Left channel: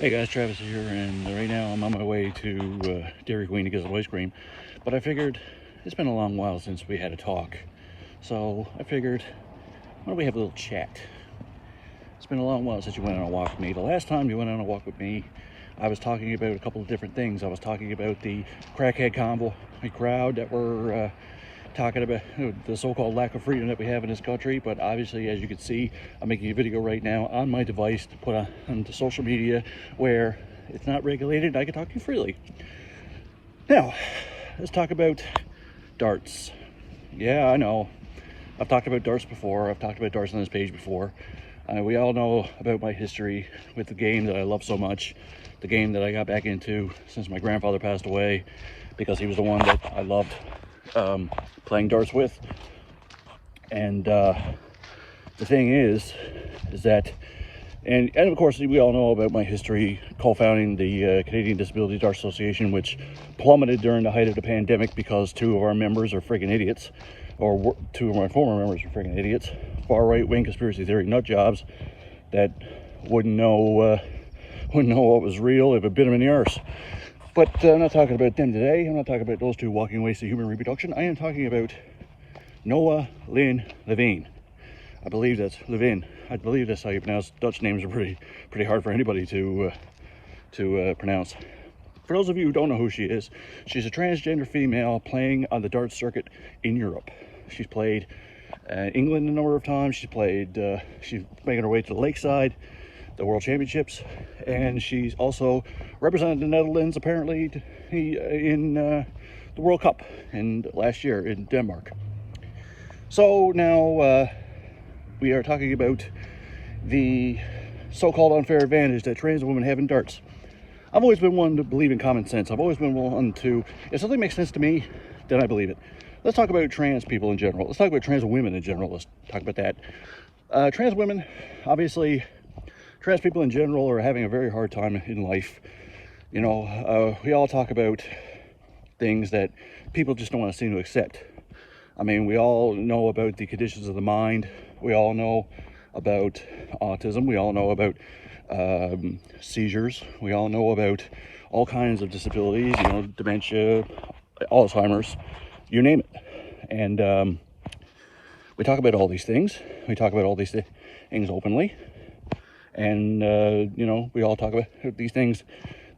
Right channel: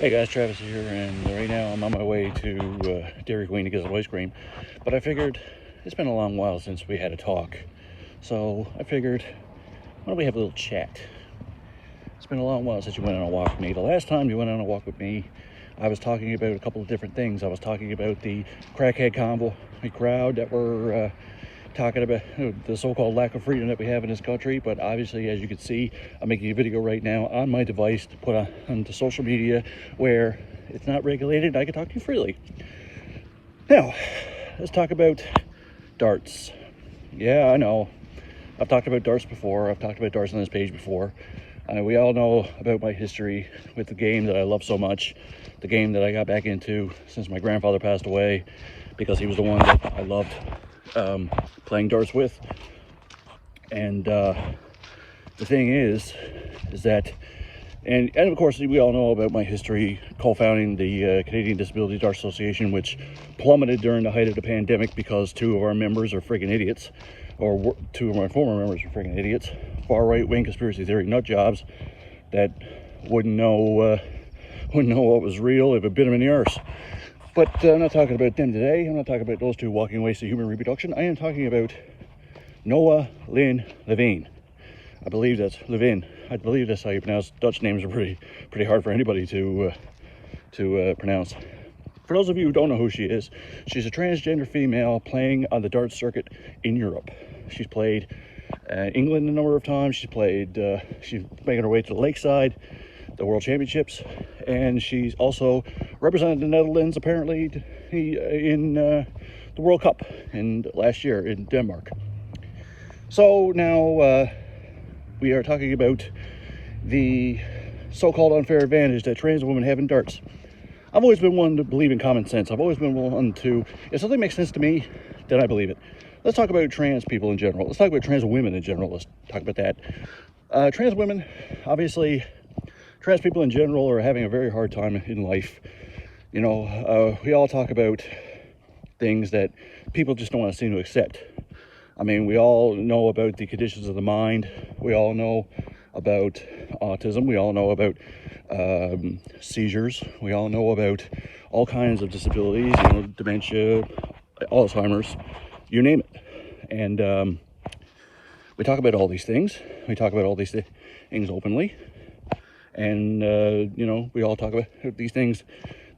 Hey guys, Travis here, and right now I'm on my way to Dairy Queen to get some ice cream. But I figured it's been a long while since we had a talk, so I figured, why don't we have a little chat? It's been a long while since you went on a walk with me. The last time you went on a walk with me, I was talking about a couple of different things. I was talking about the crackhead convoy crowd that were talking about the so-called lack of freedom that we have in this country. But obviously, as you can see, I'm making a video right now on my device to put on the social media where it's not regulated. I can talk to you freely. Now, let's talk about darts. Yeah, I know. I've talked about darts before. I've talked about darts on this page before. We all know about my history with the game that I love so much, the game that I got back into since my grandfather passed away, because he was the one that I loved playing darts with. And the thing is that, and of course we all know about my history co-founding the Canadian Disability Darts Association, which plummeted during the height of the pandemic because two of our members are friggin' idiots, or two of my former members are friggin' idiots, far right wing conspiracy theory nut jobs that wouldn't know what was real if it bit them in the arse. But I'm not talking about them today. I'm not talking about those two walking ways to human reproduction. I am talking about Noa-Lynn Leuven. I believe that's Leuven. I believe that's how you pronounce Dutch names. Are pretty hard for anybody to pronounce. For those of you who don't know who she is, she's a transgender female playing on the darts circuit in Europe. She's played England a number of times. She's making her way to the Lakeside, the World Championships, and she's also represented the Netherlands apparently in the World Cup last year in Denmark. So now we are talking about the so-called unfair advantage that trans women have in darts. I've always been one to believe in common sense. I've always been one to, if something makes sense to me, then I believe it. Let's talk about trans people in general. Let's talk about trans women in general. Let's talk about that. Trans women, obviously, trans people in general are having a very hard time in life. You know, we all talk about things that people just don't want to seem to accept. I mean, we all know about the conditions of the mind. We all know about autism. We all know about seizures. We all know about all kinds of disabilities, you know, dementia, Alzheimer's, you name it. And we talk about all these things. We talk about all these things openly. And, you know, we all talk about these things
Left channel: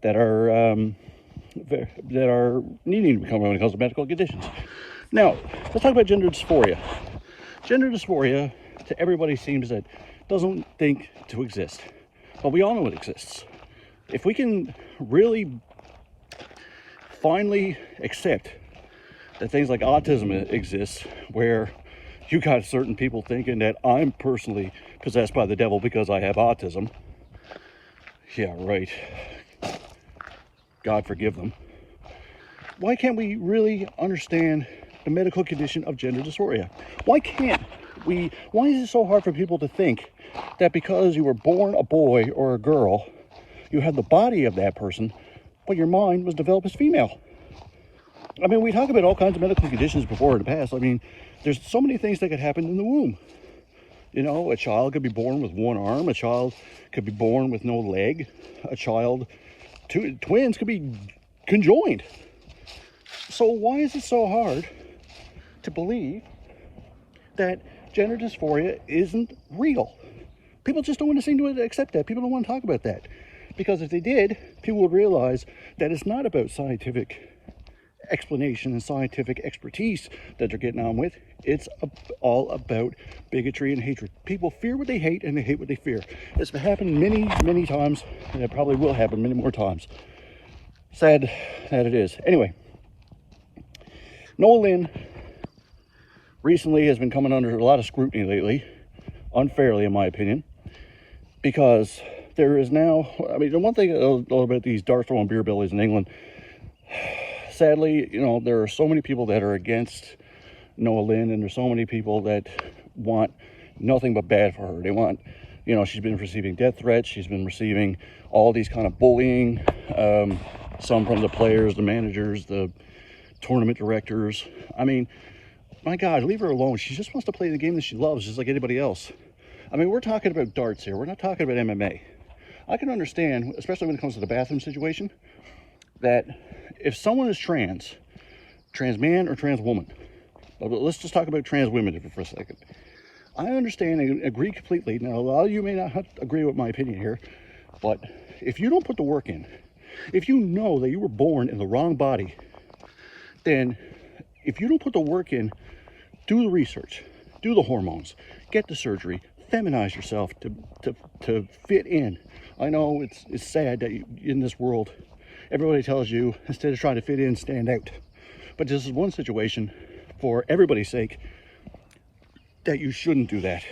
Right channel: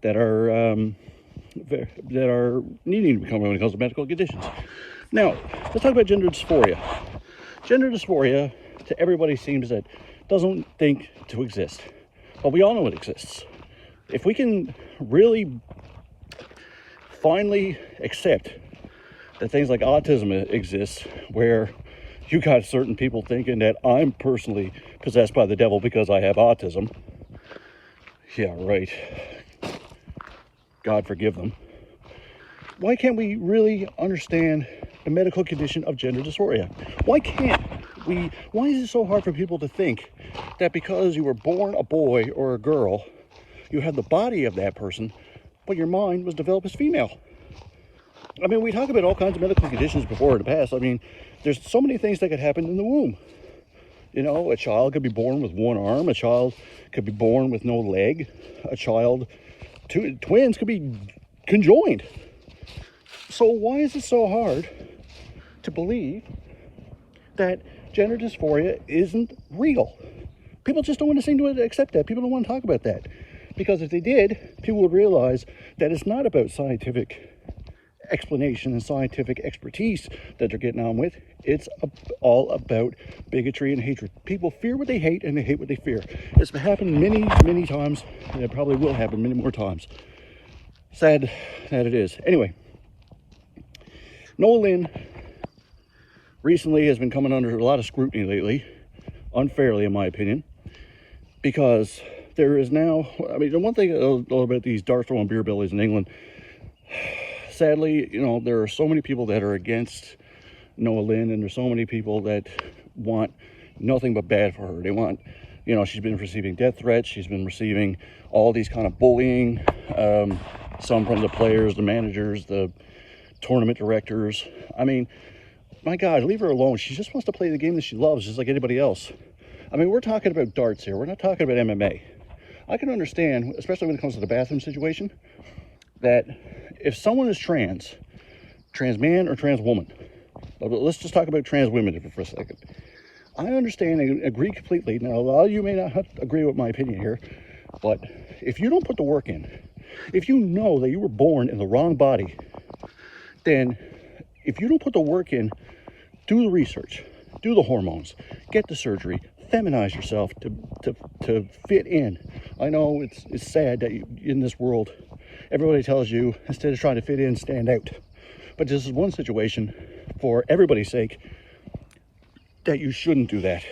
that are needing to become when it comes to medical conditions. Now, let's talk about gender dysphoria. Gender dysphoria, to everybody, seems that doesn't think to exist. But we all know it exists. If we can really finally accept that things like autism exists, where you got certain people thinking that I'm personally possessed by the devil because I have autism. Yeah, right. God forgive them. Why can't we really understand the medical condition of gender dysphoria? Why is it so hard for people to think that because you were born a boy or a girl, you have the body of that person, but your mind was developed as female? I mean, we talk about all kinds of medical conditions before in the past. I mean, there's so many things that could happen in the womb. You know, a child could be born with one arm. A child could be born with no leg. Twins could be conjoined. So why is it so hard to believe that gender dysphoria isn't real? People just don't want to seem to accept that. People don't want to talk about that. Because if they did, people would realize that it's not about scientific explanation and scientific expertise that they're getting on with. It's all about bigotry and hatred. People fear what they hate and they hate what they fear. It's happened many, many times, and it probably will happen many more times. Sad that it is. Anyway, Noa-Lynn recently has been coming under a lot of scrutiny lately, unfairly in my opinion, because there is now, I mean, the one thing about these dart throwing beer bellies in England, sadly, you know, there are so many people that are against Noa-Lynn, and there's so many people that want nothing but bad for her. They want, you know, she's been receiving death threats. She's been receiving all these kind of bullying, some from the players, the managers, the tournament directors. I mean, my God, leave her alone. She just wants to play the game that she loves, just like anybody else. I mean, we're talking about darts here. We're not talking about MMA. I can understand, especially when it comes to the bathroom situation, that if someone is trans man or trans woman, but let's just talk about trans women for a second. I understand and agree completely. Now, a lot of you may not agree with my opinion here, but if you don't put the work in, if you know that you were born in the wrong body, then if you don't put the work in, do the research, do the hormones, get the surgery, feminize yourself to fit in. I know it's sad that in this world, everybody tells you, instead of trying to fit in, stand out. But this is one situation, for everybody's sake, that you shouldn't do that.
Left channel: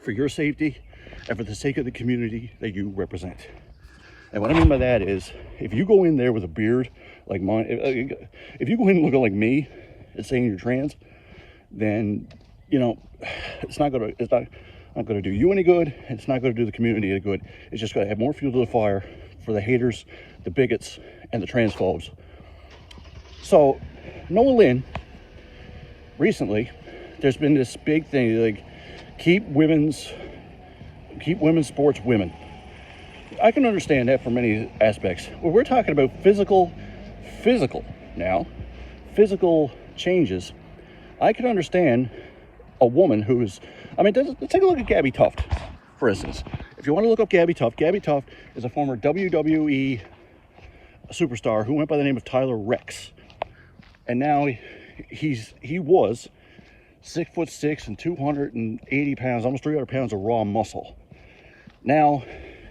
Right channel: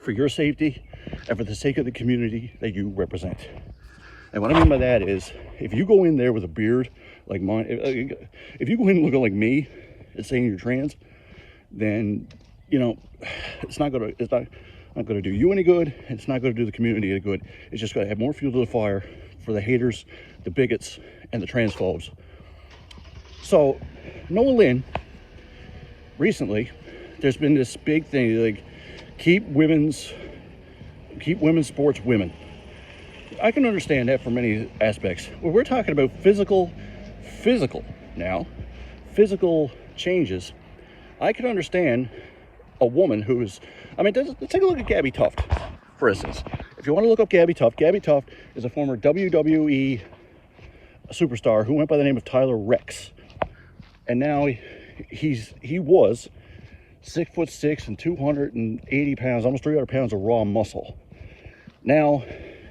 For your safety and for the sake of the community that you represent. And what I mean by that is, if you go in there with a beard like mine, if you go in looking like me and saying you're trans, then, you know, it's not gonna do you any good. It's not gonna do the community any good. It's just gonna add more fuel to the fire for the haters, the bigots, and the transphobes. So, Noa-Lynn, recently, there's been this big thing, like, keep women's sports women. I can understand that for many aspects. Well, we're talking about physical changes. I can understand a woman who's, let's take a look at Gabby Tuft, for instance. If you want to look up Gabby Tuft is a former WWE superstar who went by the name of Tyler Rex. And now he was 6'6" and 280 pounds, almost 300 pounds of raw muscle. Now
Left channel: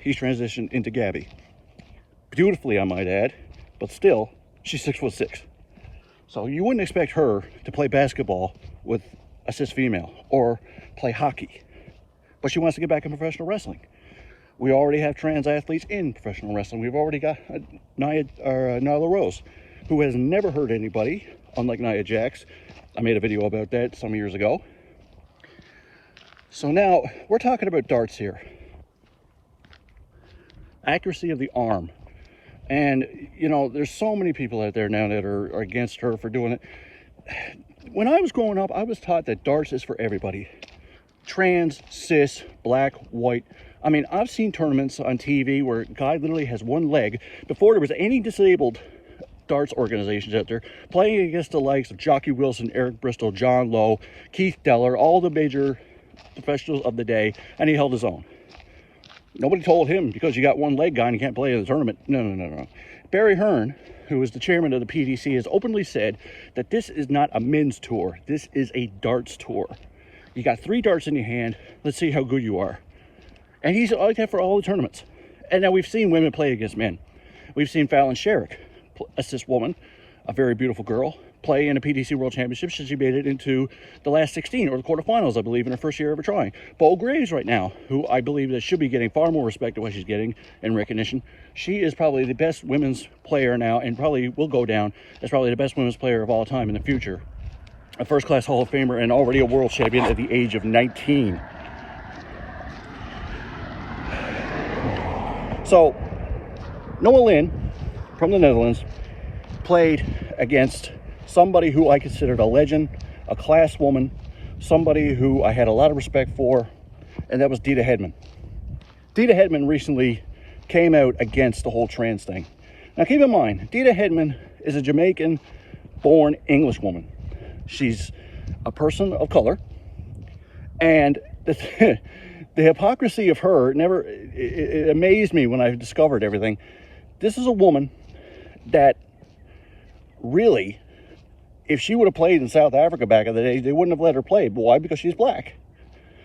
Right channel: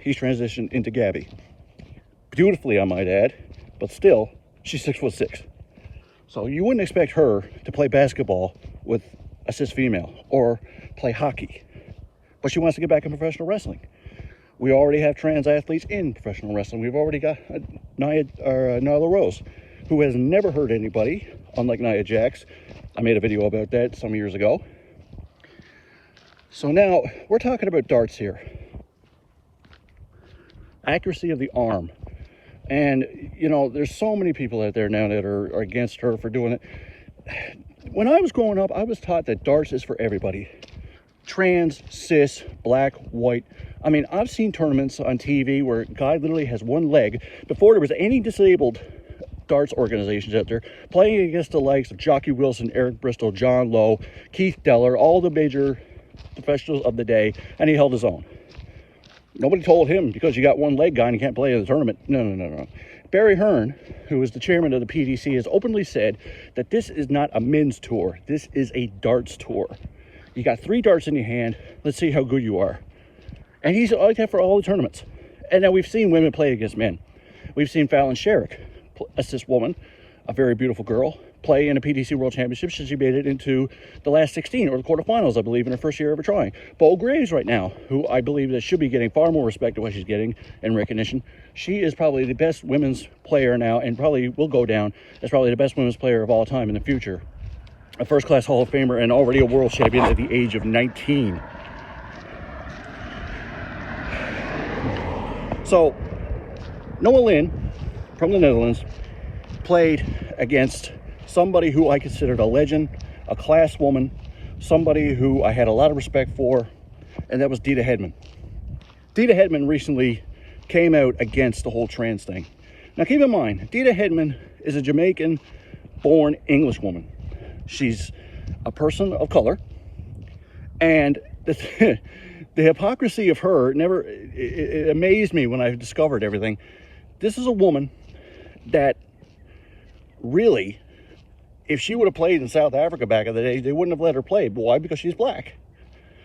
he's transitioned into Gabby. Beautifully, I might add, but still, she's 6'6". So you wouldn't expect her to play basketball with a cis female or play hockey. But she wants to get back in professional wrestling. We already have trans athletes in professional wrestling. We've already got Nyla Rose, who has never hurt anybody, unlike Nia Jax. I made a video about that some years ago. So now, we're talking about darts here. Accuracy of the arm. And, you know, there's so many people out there now that are against her for doing it. When I was growing up, I was taught that darts is for everybody. Trans, cis, black, white. I mean, I've seen tournaments on TV where a guy literally has one leg. Before there was any disabled darts organizations out there, playing against the likes of Jockey Wilson, Eric Bristol, John Lowe, Keith Deller, all the major professionals of the day, and he held his own. Nobody told him, because you got one leg guy and you can't play in the tournament. No. Barry Hearn, who is the chairman of the PDC, has openly said that this is not a men's tour. This is a darts tour. You got 3 darts in your hand. Let's see how good you are. And he's like that for all the tournaments. And now we've seen women play against men. We've seen Fallon Sherrick, a cis woman, a very beautiful girl, play in a PDC World Championship. She made it into the last 16 or the quarterfinals, I believe, in her first year ever trying. Bo Graves right now, who I believe that should be getting far more respect than what she's getting and recognition. She is probably the best women's player now, and probably will go down as probably the best women's player of all time in the future. A first-class Hall of Famer and already a world champion at the age of 19. So, Noa-Lynn from the Netherlands played against somebody who I considered a legend, a class woman, somebody who I had a lot of respect for, and that was Dita Hedman. Dita Hedman recently came out against the whole trans thing. Now keep in mind, Dita Hedman is a Jamaican-born English woman. She's a person of color, and the hypocrisy of her it amazed me when I discovered everything. This is a woman that really, if she would have played in South Africa back in the day, they wouldn't have let her play. Why? Because she's black.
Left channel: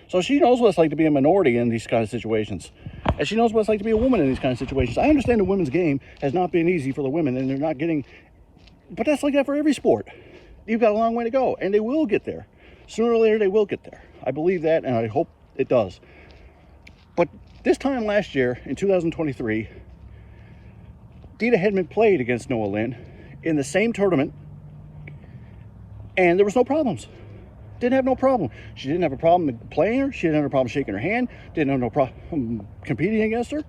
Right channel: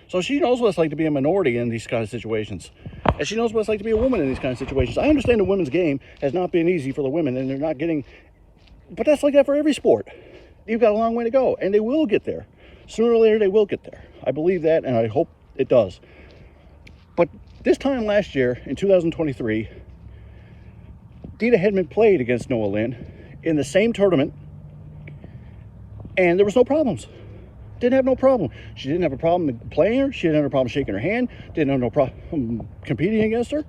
So she knows what it's like to be a minority in these kind of situations. And she knows what it's like to be a woman in these kind of situations. I understand the women's game has not been easy for the women, and they're not getting, but that's like that for every sport. You've got a long way to go, and they will get there. Sooner or later, they will get there. I believe that, and I hope it does. But this time last year, in 2023, Dita Hedman played against Noa-Lynn in the same tournament, and there was no problems. Didn't have no problem. She didn't have a problem playing her. She didn't have a problem shaking her hand. Didn't have no problem competing against her.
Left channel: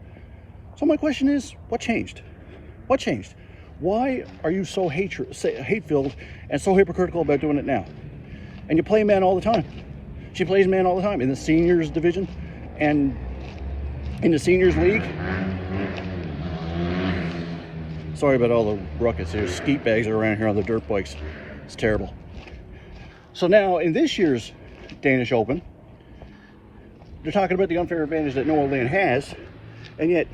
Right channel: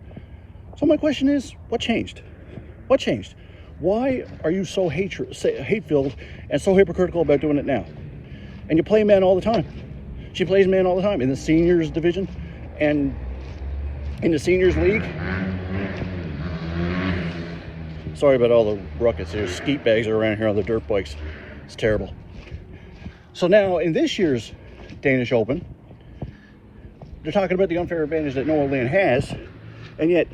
So my question is, what changed? What changed? Why are you so hate-filled and so hypocritical about doing it now? And you play men all the time. She plays men all the time in the seniors division. And in the Seniors League. Sorry about all the ruckus. There's skeet bags around here on the dirt bikes. It's terrible. So now in this year's Danish Open, they're talking about the unfair advantage that Noa-Lynn has, and yet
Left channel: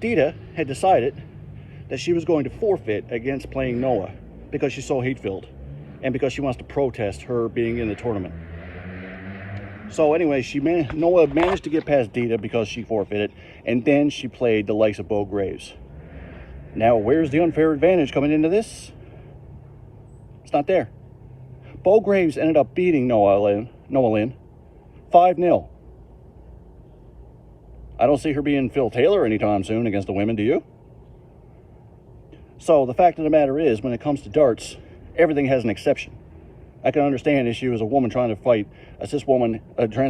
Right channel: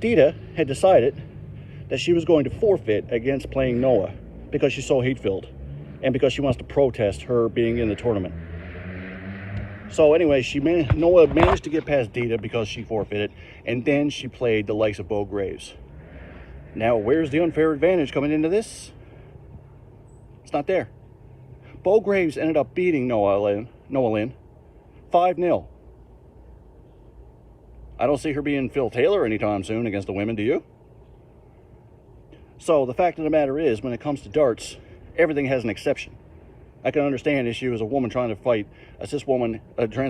Dita had decided that she was going to forfeit against playing Noah because she's so hate-filled and because she wants to protest her being in the tournament. So anyway, Noah managed to get past Dita because she forfeited, and then she played the likes of Bo Graves. Now, where's the unfair advantage coming into this? It's not there. Bo Graves ended up beating Noa-Lynn 5-0. I don't see her being Phil Taylor anytime soon against the women, do you? So the fact of the matter is, when it comes to darts, everything has an exception. I can understand if she was a woman trying to fight a trans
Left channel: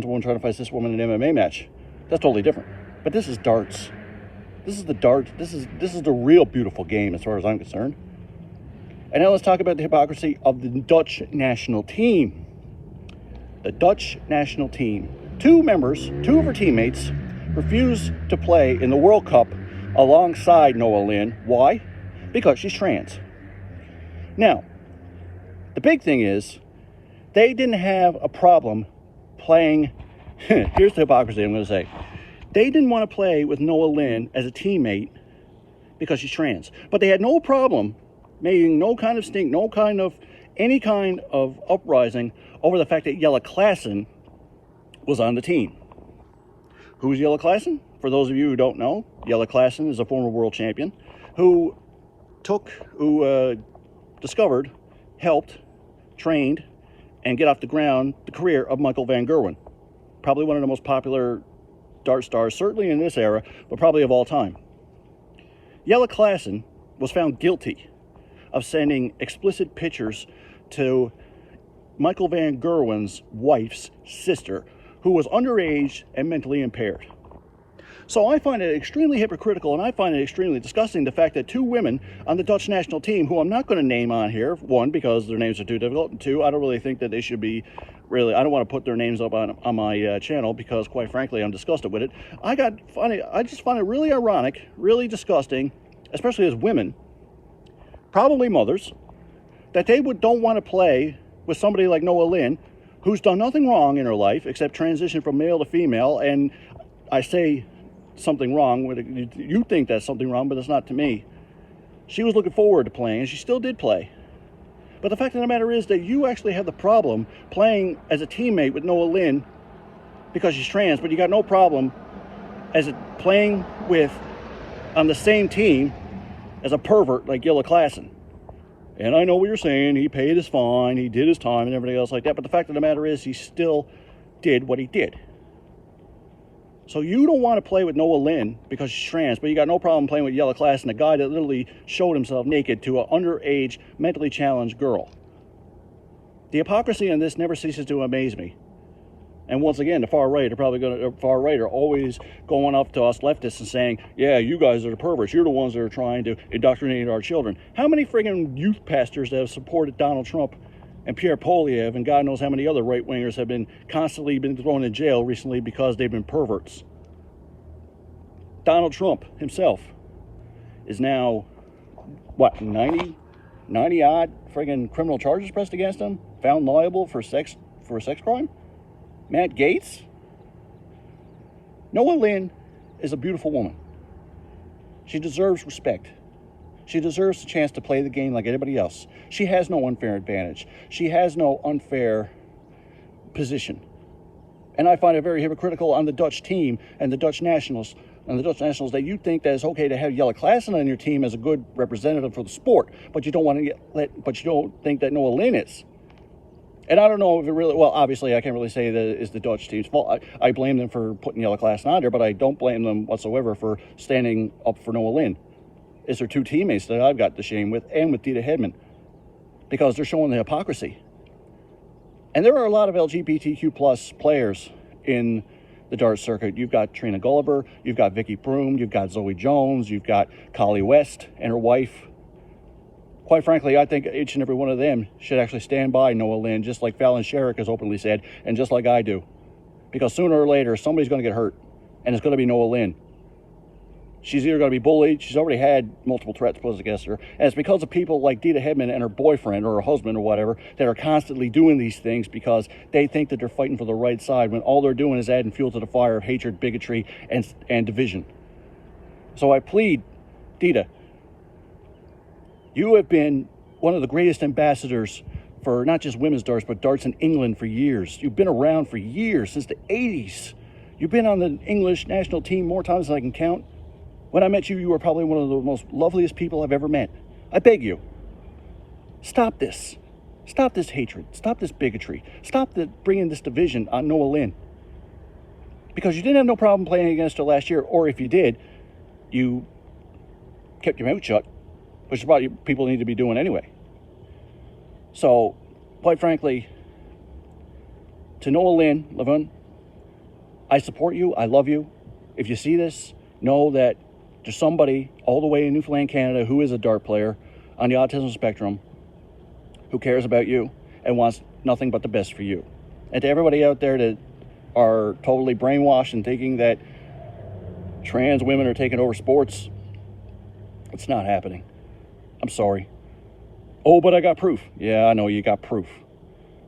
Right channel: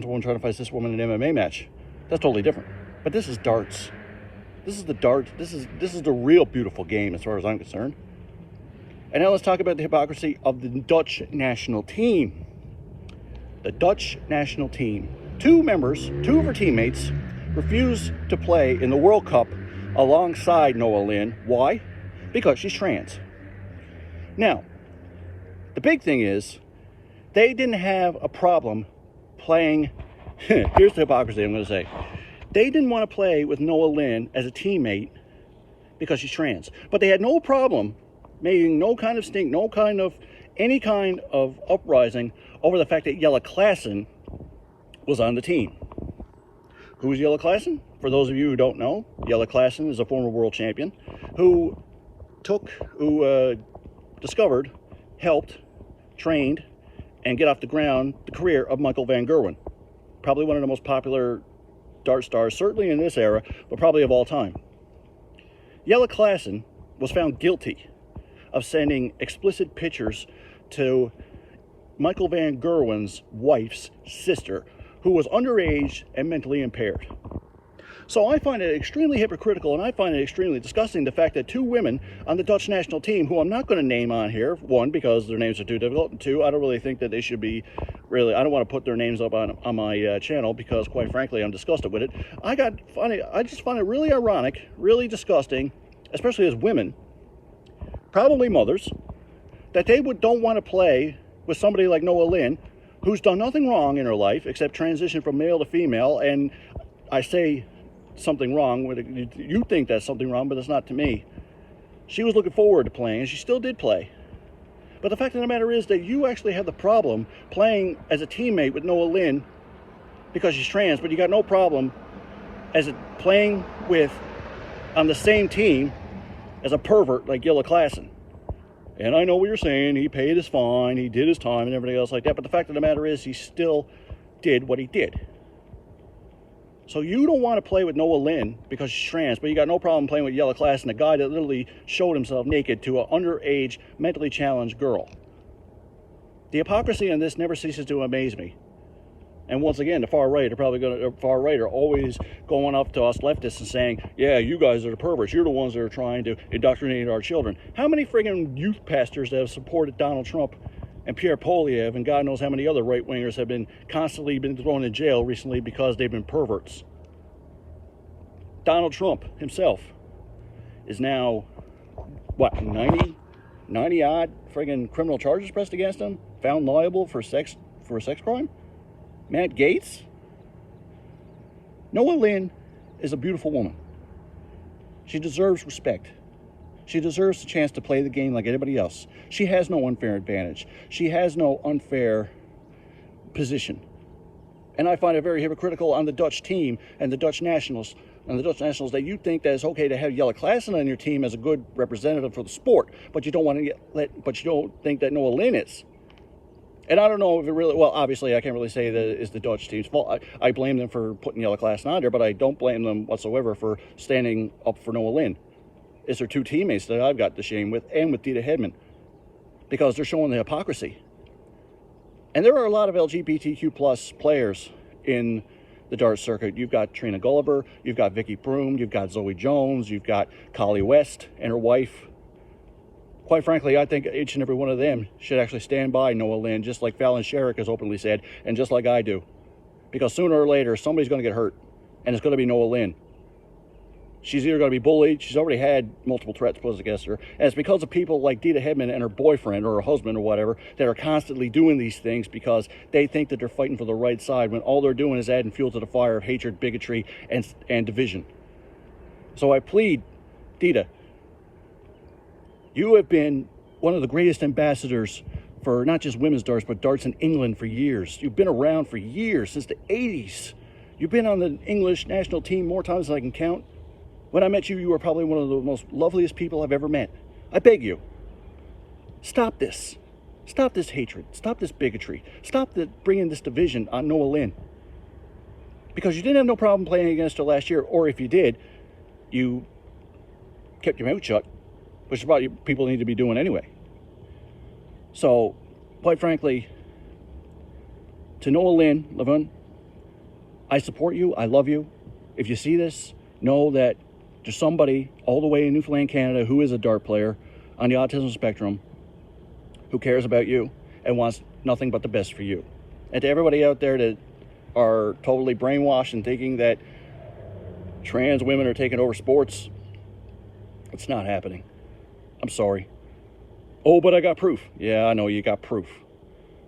woman trying to fight a cis woman in an MMA match. That's totally different. But this is darts. This is the dart. This is the real beautiful game as far as I'm concerned. And now let's talk about the hypocrisy of the Dutch national team. The Dutch national team. Two of her teammates, refused to play in the World Cup alongside Noa-Lynn. Why? Because she's trans. Now, the big thing is, they didn't have a problem playing. Here's the hypocrisy I'm going to say. They didn't want to play with Noa-Lynn as a teammate because she's trans. But they had no problem making no kind of stink, any kind of uprising over the fact that Jelle Klaassen was on the team. Who's Jelle Klaassen? For those of you who don't know, Jelle Klaassen is a former world champion who discovered, helped, trained, and get off the ground the career of Michael van Gerwen. Probably one of the most popular dart stars, certainly in this era, but probably of all time. Jelle Klaassen was found guilty of sending explicit pictures to Michael van Gerwen's wife's sister, who was underage and mentally impaired. So I find it extremely hypocritical, and I find it extremely disgusting, the fact that two women on the Dutch national team, who I'm not going to name on here, one, because their names are too difficult, and two, I don't really think that they should be, I don't want to put their names up on my channel, because quite frankly, I'm disgusted with it. I just find it really ironic, really disgusting, especially as women, probably mothers, that they don't want to play with somebody like Noa-Lynn, who's done nothing wrong in her life except transition from male to female. And I say something wrong, you think that's something wrong, but it's not to me. She was looking forward to playing, and she still did play. But the fact of the matter is that you actually have the problem playing as a teammate with Noa-Lynn because she's trans, but you got no problem playing on the same team as a pervert like Jelle Klaassen. And I know what you're saying, he paid his fine, he did his time and everything else like that, but the fact of the matter is he still did what he did. So you don't want to play with Noa-Lynn because she's trans, but you got no problem playing with Jelle Klaassen, a guy that literally showed himself naked to an underage, mentally challenged girl. The hypocrisy in this never ceases to amaze me. And once again, the far right are always going up to us leftists and saying, yeah, you guys are the perverts. You're the ones that are trying to indoctrinate our children. How many friggin' youth pastors that have supported Donald Trump and Pierre Poilievre and God knows how many other right-wingers have constantly been thrown in jail recently because they've been perverts? Donald Trump himself is now, 90-odd friggin' criminal charges pressed against him? Found liable for a sex crime? Matt Gaetz? Noa-Lynn is a beautiful woman. She deserves respect. She deserves the chance to play the game like anybody else. She has no unfair advantage. She has no unfair position. And I find it very hypocritical on the Dutch team and the Dutch nationals that you think that it's okay to have Jelle Klaassen on your team as a good representative for the sport, but you don't think that Noa-Lynn is. And I don't know if it really, well, obviously I can't really say that it's the Dutch team's fault. I blame them for putting Jelle Klaassen on there, but I don't blame them whatsoever for standing up for Noa-Lynn. It's their two teammates that I've got the shame with, and with Dita Hedman, because they're showing the hypocrisy. And there are a lot of LGBTQ plus players in the dart circuit. You've got Trina Gulliver, you've got Vicky Broom, you've got Zoe Jones, you've got Collie West and her wife. Quite frankly, I think each and every one of them should actually stand by Noa-Lynn, just like Fallon Sherrick has openly said, and just like I do. Because sooner or later, somebody's going to get hurt. and it's going to be Noa-Lynn. She's either going to be bullied, she's already had multiple threats posed against her, and it's because of people like Dita Hedman and her boyfriend or her husband or whatever that are constantly doing these things because they think that they're fighting for the right side when all they're doing is adding fuel to the fire of hatred, bigotry, and division. So I plead, Dita, you have been one of the greatest ambassadors for not just women's darts, but darts in England for years. You've been around for years, since the 80s. You've been on the English national team more times than I can count. When I met you, you were probably one of the most loveliest people I've ever met. I beg you, stop this. Stop this hatred. Stop this bigotry. Stop bringing this division on Noa-Lynn. Because you didn't have no problem playing against her last year, or if you did, you kept your mouth shut, which is what people need to be doing anyway. So, quite frankly, to Noa-Lynn, Leuven, I support you. I love you. If you see this, know that there's somebody all the way in Newfoundland, Canada, who is a dart player on the autism spectrum who cares about you and wants nothing but the best for you. And to everybody out there that are totally brainwashed and thinking that trans women are taking over sports, it's not happening. I'm sorry. Oh, but I got proof. Yeah, I know you got proof.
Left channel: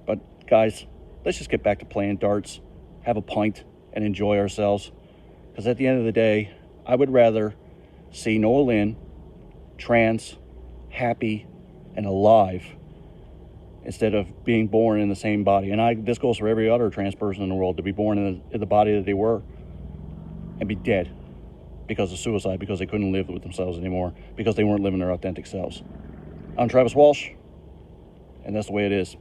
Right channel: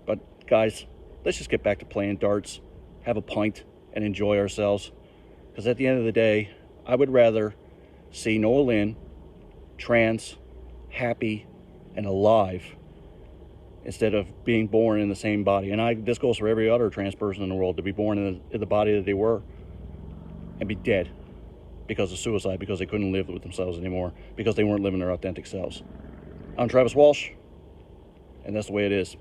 But guys, let's just get back to playing darts, have a pint, and enjoy ourselves. Because at the end of the day, I would rather see Noa-Lynn trans, happy, and alive instead of being born in the same body. And this goes for every other trans person in the world, to be born in the body that they were and be dead because of suicide, because they couldn't live with themselves anymore, because they weren't living their authentic selves. I'm Travis Walsh, and that's the way it is.